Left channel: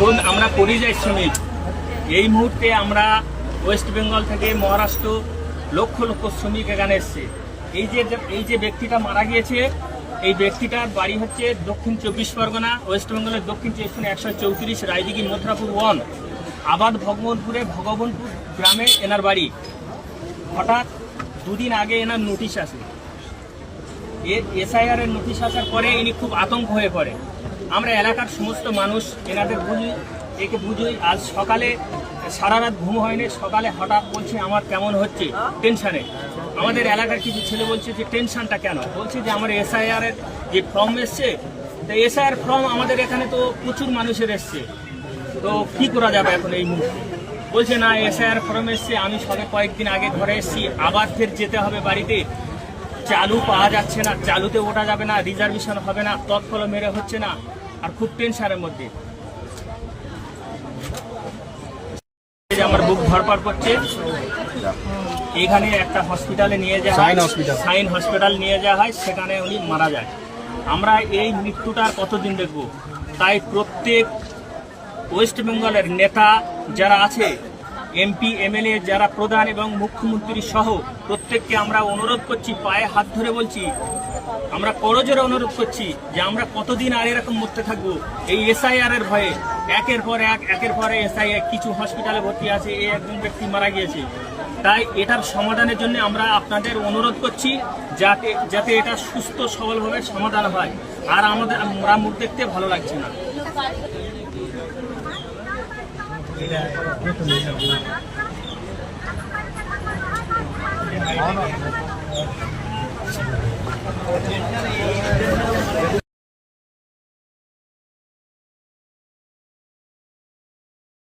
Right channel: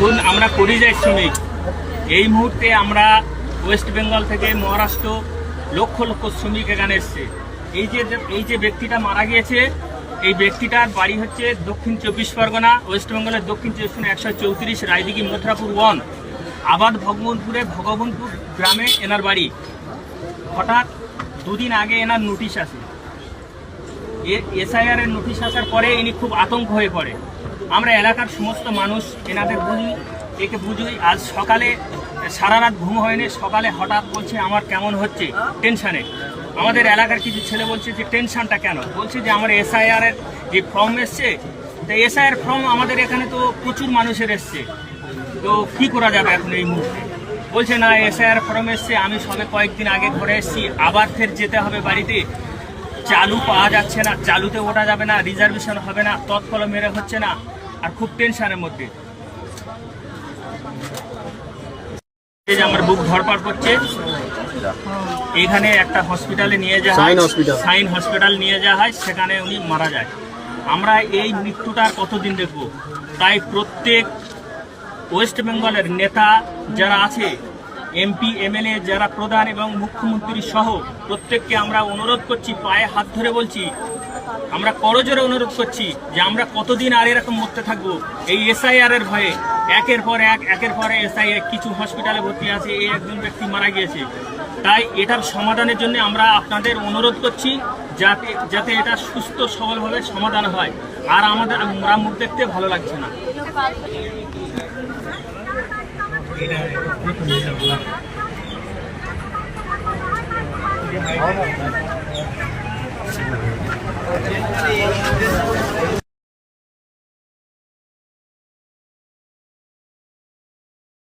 দেখুন, আমরা পরিযায়ী শ্রমিক। এই মুহূর্তে আমরা ওয়েস্ট বেঙ্গল থেকে মহারাষ্ট্র লক্ষ লক্ষ শ্রমিক এখানে এসছে। এই যে ব্যক্তিটা মারা গিয়েছে, এই ব্যক্তিটার বাড়ি হচ্ছে দক্ষিণ 24 পরগনা, ওয়েস্ট বেঙ্গলের দক্ষিণ 134 রায়দিঘি মথুরাপুর 1 আবাদ ভগবানপুরে ভগবানপুর গ্রামে এনার বাড়ি। হঠাৎ দুদিন আগে এনার নোটিশ আসে। SIR এর নোটিশ আসার পরে ইনি খুব আতঙ্ক হয়ে পড়ে। আমরা এলাকার সমস্ত মানুষ এনাদের একে বুঝোই। আজ সকালে সারা রাত ঘুম হয়নি, সকালে হঠাৎ বলছে আমার কেমন হচ্ছে, টেনশানে। আমাদের এলাকার কিছু ছেলে বলছে যে টেনশনটা কেন, বলছে যে আমার SIR এর যে ফর্ম এসছে, তো SIR ফর্ম আমাদের এখানে তো প্রচুর মানুষের এসছে, তো কি করা যাবে এখন এই মুহূর্তে। বলছে না, SIR ফর্ম এসছে, আমি সবে কয়েকদিন আগে ঘরে এসেছি, আবার ফের যেতে হবে বাড়িতে। চালু পাওয়া যাচ্ছে না, চালুতে ওঠা যাবে না, রিজার্ভেশন হবে না, তৎফল মেরে হচ্ছে না, আর খুব টেনশনের মধ্যে। আমার বুক ধরপাড় করছে। এখানে একটা হসপিটালে নিয়ে যাওয়া হয়, সাইন হসপিটাল নিয়ে যাওয়া হয়, সেখানে উনি মারা যায়। আমরা এই মৃত্যুটা কতদিন দেখব? তাই প্রত্যেক ওয়েস্ট বেঙ্গলের নেতা যারা আছে, MP MLA যারা প্রধান এবং মুখ্যমন্ত্রী সহ প্রত্যেককে আমরা অনুরোধ করছি, পায়ে হাত ধরে বলছি, আমরা করজোরে অনুরোধ করছি যে আমরা কতদিন আর এরকম মরতে থাকবো এই SIR এর ভয়ে। একের পর SIR কিছু হসপিটালে ভর্তি আছে, এই একজন ব্যক্তি মারা গিয়েছে। তাই এটার সমাধানের জন্য আমরা আপনাদের অনুরোধ করছি যাতে এটা সুস্থ সবলভাবে সমাধান হয়। আর আমাদের মুখ দেখতে ভালো লাগছে না।